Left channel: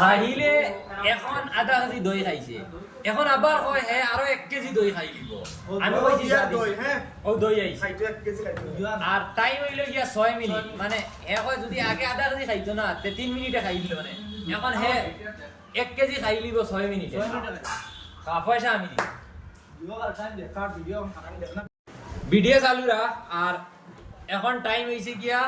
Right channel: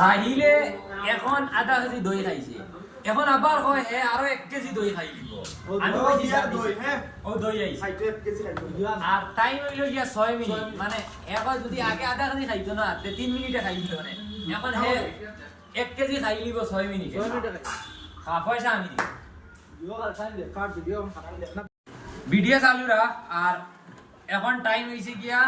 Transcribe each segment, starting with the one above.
রাহিলে এখন আধা কেজি দই খাইছে এখন আবার কয় হে আরো 1 কেজি দই খাই দিব আমি কইছি দই হ্যাঁ ও দই আইছে খাইতো 1 কেজি খাইতো আর টাইম হইলো গিয়া 6 মিনিট মানে হে কয় যদি আগে আধা কেজি খাইতো না তে 3 মিনিটে খাই দিল মানে এখন হে 1 কেজি খাই লিব 6 মিনিটে 6 মিনিটে খাই পয়সা আমি দিব ভিডিও কাল টাইম দে কাট ভিডিও চালু রাখ আর এখন টাইম হইছে গিয়া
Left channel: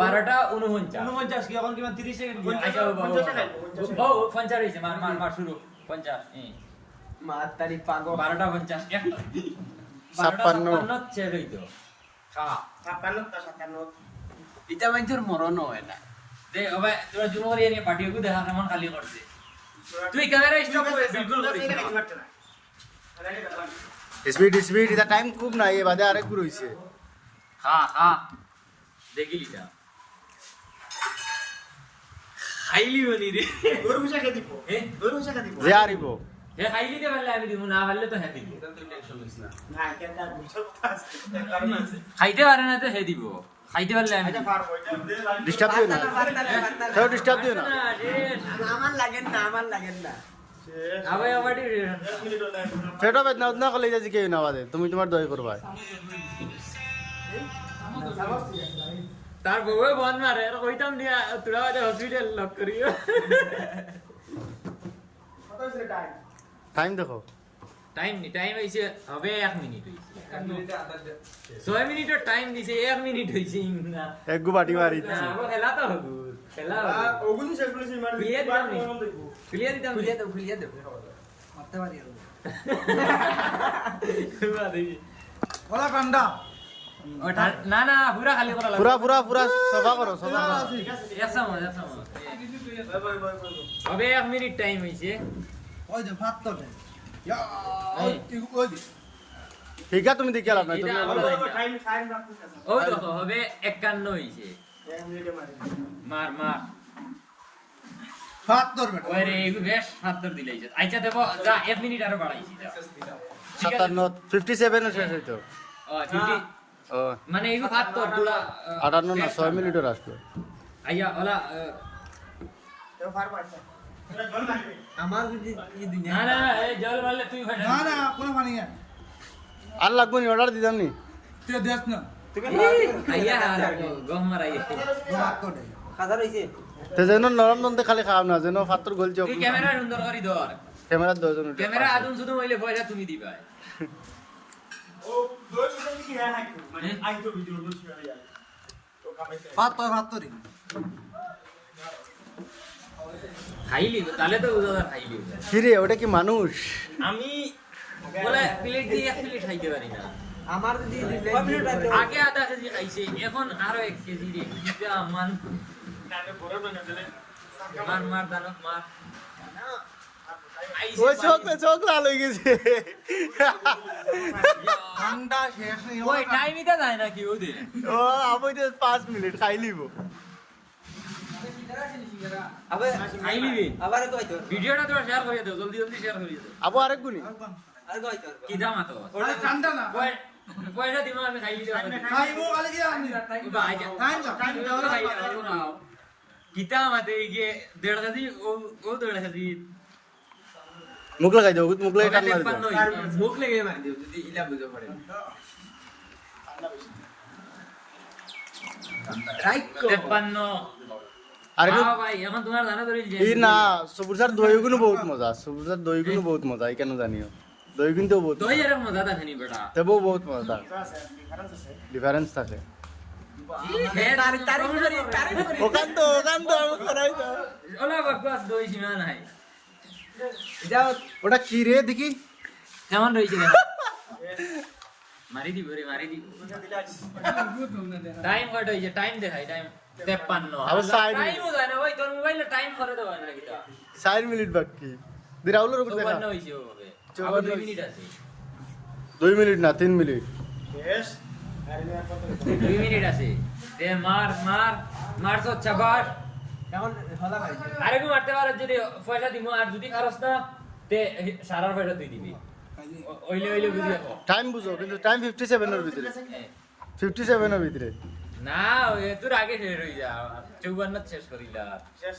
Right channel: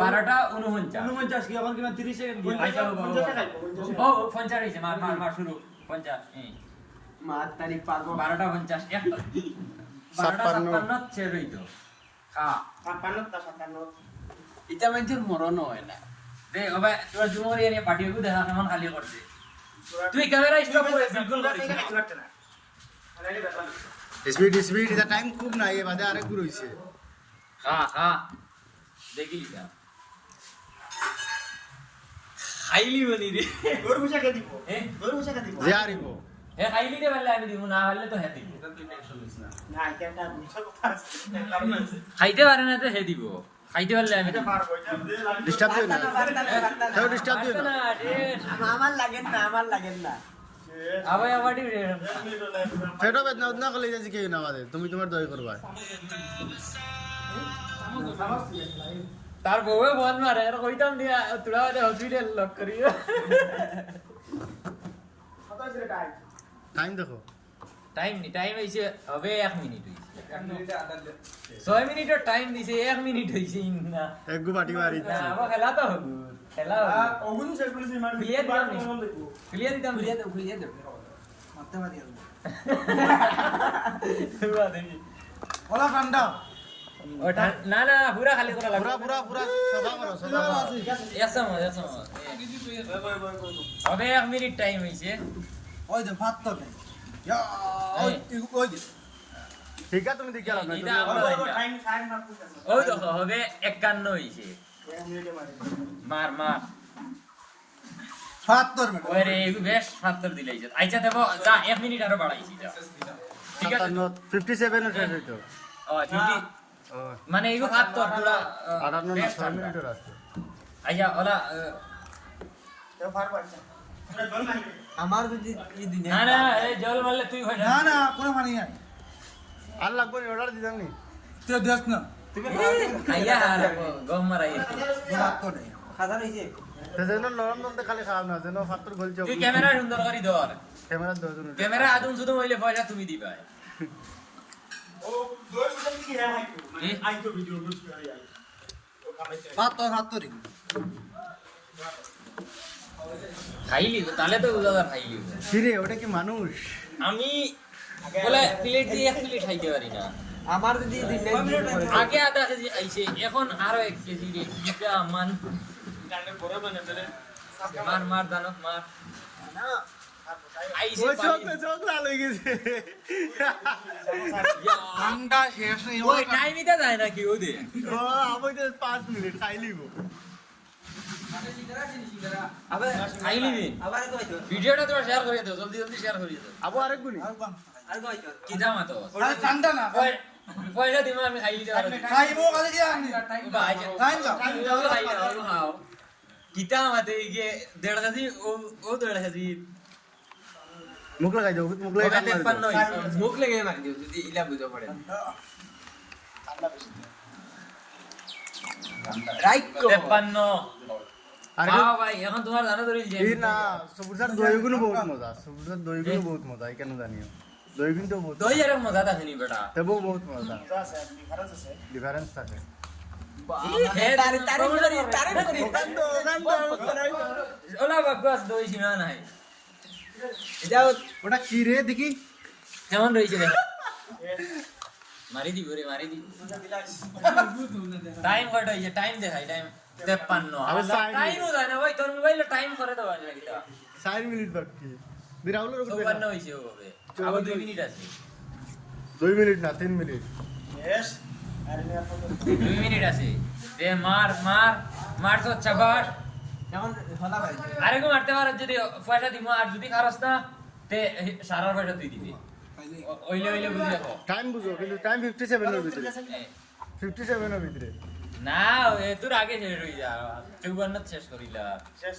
12:49 কি এখন কিমান 30 সেকেন্ড দিয়া আইসা 50 ও 50 হইছে মার শুরু 50 মার তারিখ পাগল 12:50 এক 12:56 ছেড়ে হইতো হ্যাঁ 56 এটা মানুষের মরণ হয় না দে ওবে তোরা জুমরে এনে পাটিও দেখা কেমন খালি করছে তুই ক্যামেরা স্টপ করে বিলকুল করছিস না স্পিড এটা টাইম খুব নাই এ বাদে আরেক গুলো হইছে হ্যাঁ দেখি লিবা খাইলি বলি রে তোর মুশা কে দিব তোর মুশা কে দিব যে আরিব হে খাইলি দে বললে আমি দিব না বললে তো হে দিব না কেন মুশা কথা আছে খাইতে পারে না তো হে দিব খাইতে পারলে আমি ডিস্টার্ব দিও না তাও ডিস্টার্ব দিও না আমার লাগেন না আবে আমারই ফেটো বেদনা উদনা কলে যাই কি না বাদে তুমি তোমার দই করবা তার বউয়ে বন্ধ মারে আর কইতাম দিয়া তোরা ওই হসপিটাল লক করিও টাইম দেখো টাইম হইছে হবে 1 মিনিট হইছে 1 মিনিটে আধা 6 মিনিটের টাইম দিছে 1 মিনিট হইছে না এক গু বাটি মারি না আবার খেলা তো হবো খেলা ওগুন সেগুলো সে মার ক্লিয়ার দিতাম মারতে পারি পুরা দেখি ওলা ঠান্ডা ও না পুরা খালি করা লাগবে পুরা সফা করো একসময় হবে 1 মিনিট টাইম হইছে ওই যে ভাত তো কেন ইয়া ওই ঠিক আছে তুমি দেখে লাভ নাই এটা আমরা টাইম সাইন মারতেছ ওই দেখো হবে 51 হইছে 1 মিনিটে মারি মার ৭০ মিনিট ওরে এগু বেশ ৭০ দিলাইছে আচ্ছা দেব যা 1 মিনিট আরো বাড়াইছি যা ঠিক আছে 57 শেষ হইতো ও 50 ও মানে এগু ৭০ পুরা 58 না 6 মিনিটের আসবে আইয়া ওলা তো ফার পাইছে আমার যদি এই দুনিয়া না এই জল মারলে তুই ভাই না কোনো পানি নাই আর লাগবে নি অর্ডার দিতাম নি তুই দেখ না আইয়া গম মারাই ভাত তো নেই হাজার হইছে তে যেন নরম নন্দে খালি খাও না যেন ফাতর গলছে তুই ক্যামেরা সুন্দর করে ধর ক্যামেরা দজন ক্যামেরা আদম শুধু হইলে পয়সা তুমি দিবা ও দুই মিনিট কি হ্যাঁ মানে আই তো ভিডিও বুঝি আর আই ভাত তো দিন খাইলি তাহলে তো উজাদার খাইলি কি রে ওটা কি মানুষ আমি বলে প্লেট দিয়ে 1 প্লেট খাইতে পারি না আমার যদি আগে আধা কেজি খাইছে এখন আরো 1 কেজি রে এটা মান কানে বড় না চলে মার দানব মার আইছে ওই চোখ লাল হয়ে গেছে ঠান্ডা শেষ নেই ওই টাইমইতে যায় নাকি ওদের ও আবার 5 মিনিট খাই লিব আবে খাইলি দিন আবার কইতো ভিডিওটা তোরা শেয়ার করে দাও জলদি শেয়ার করে দাও আবু আরেক গুলি আর কইতো কি দাম তো আরে ঠান্ডা না পয়সা দিমা আমি খাই দিতে পারি খাইবো কালি কি আনি ভাই টাইম খাও কিতা মাতে গিয়ে 1.5 কেজি ও 1.5 কেজি মুখ লাগাই দাও মুখ লাগাই মুখ লেগে মারি দিও যদি ইলা বুঝো পড়ে রাইকো 53 আরে ভাই এখন তোমার জানা ধরে এই না সুবুজার দইগুলো বহুত মজা সুবুজার দইগুলো বহুত মজা এই কেন জানিও দই কিন্তু বহুত দই আর মজা তা খানি বেটা তেবো বহুত মজা ডিফারেন্স থাকে তারি ওখান তো ওলা বাকবাস দই সীমা নাই এটা ওটা কি রে দেখি কেমন রইছে রে মারি দিব টাইম কত হইছে টাইম দেখাই টাইম 53 আরে টাইমও যায় না ভাই তোর মোবাইলে টাইম করে দেওয়া না কিটা 4 মিনিট বাকি বিরাউলের উপর দেখা 54 হইছে হবে আবার 2 মিনিট আছে 2 মিনিট না 3 মিনিট বেশ 2 মিনিট আছে দে মার তো চাবাস এখন হলা ভাই আরে গো মারতে পারো যদি পয়সা দিমু আর যদি খারস না তে সারা পয়সা তুই দিবি ওইলে বুঝি রাখো টাইম বুঝো কিন্তু টাইম 57 এর ভিতরে 57 এর ভিতরে না তোর আগে শেষ হয়ে যা 54 শেষ করিলা শেষ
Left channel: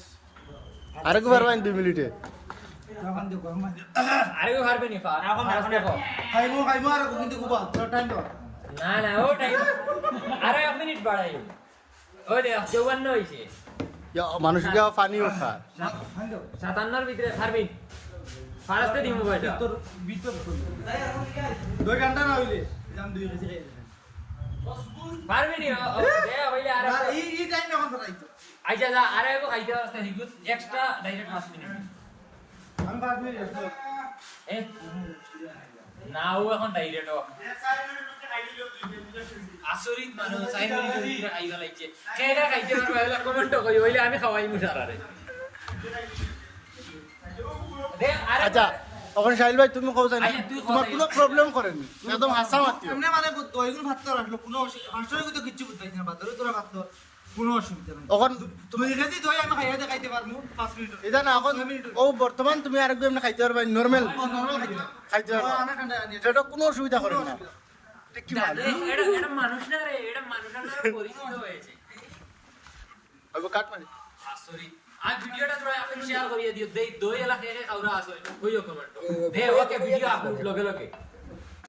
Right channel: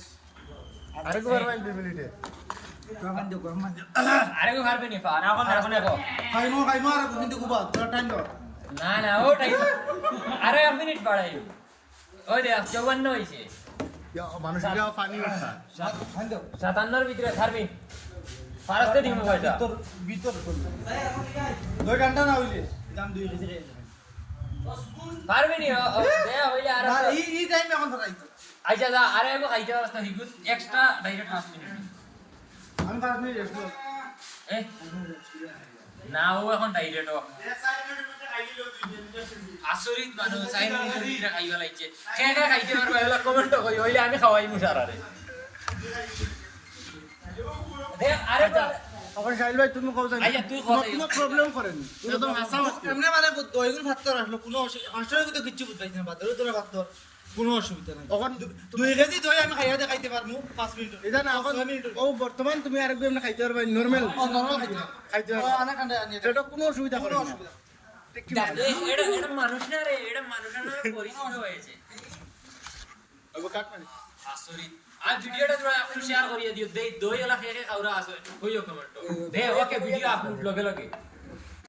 আরেকবার বাইন 2 মিনিটে আরেকো পারবে নি ফারাস দেখো খাইমো আর কিন্তু কুবা তোর টাইম দাও না না ও টাইম আরে 1 মিনিট বাড়াই ওই দেখ 54 হইছে মানুষ যা পানি ওঠা 57 এর ভিতরে ছাড়বি ফারাসতে দিমু কয়টা ভিতর 2 ঘন্টা না হইলে দাম 2 কেজি খাই পারবি নি দে হইলে আর এই টাইম এখন ফারাইতো আইজা যা আরে এগো খাইতে পারছ হিগুত এক্সট্রা ডাইরেক্ট 5 মিনিট আমি 5 মিনিট রেস্ট করব এ না ও এখন ডাইরেক্ট আসরিত মানুষ 5 মিনিটের ভিতরে খাইবা লাগছে কে কে খাইতে পারবে এগুলা কমেন্ট কই হইলে আমি খাওয়াই মুসারারে দে আরে আচ্ছা এখন শাইল ভাই তুমি কও জানো আচ্ছা, তুই কও তোমার যাই। কোনো প্রবলেম করেন একদম হাসা মারতে এমনি মানে দইগুলো ভাত তোর আসলো কোনো অসুবিধা তো কিচ্ছু বুঝাইছ না বাদরে তোর ভাত তোর কোনো অসুবিধা নাই এখন তুমি কেজি দই আমি খাইয়া দেখাইতে পারমু 5 মিনিট এটা না এখন ও বর্তমান তুমি আরেকজন খাইতে পারবা নরমাল নরমাল খাইতে খাইতে পারবা আনা কান্ডা আনি এটা কোনো অসুবিধা করে না এটা মানুষ না রে এটা মানুষের নামে পরিচিত হয়েছে अब काट मारी আসরিত আর ভিডিওটা তোমরা আপনি শেয়ার করিয়ে দিও দই এলা খেয়ে খাওয়া আসো ওইও কমেন্ট দে ওকে ভিডিও আপলোড লগে লগে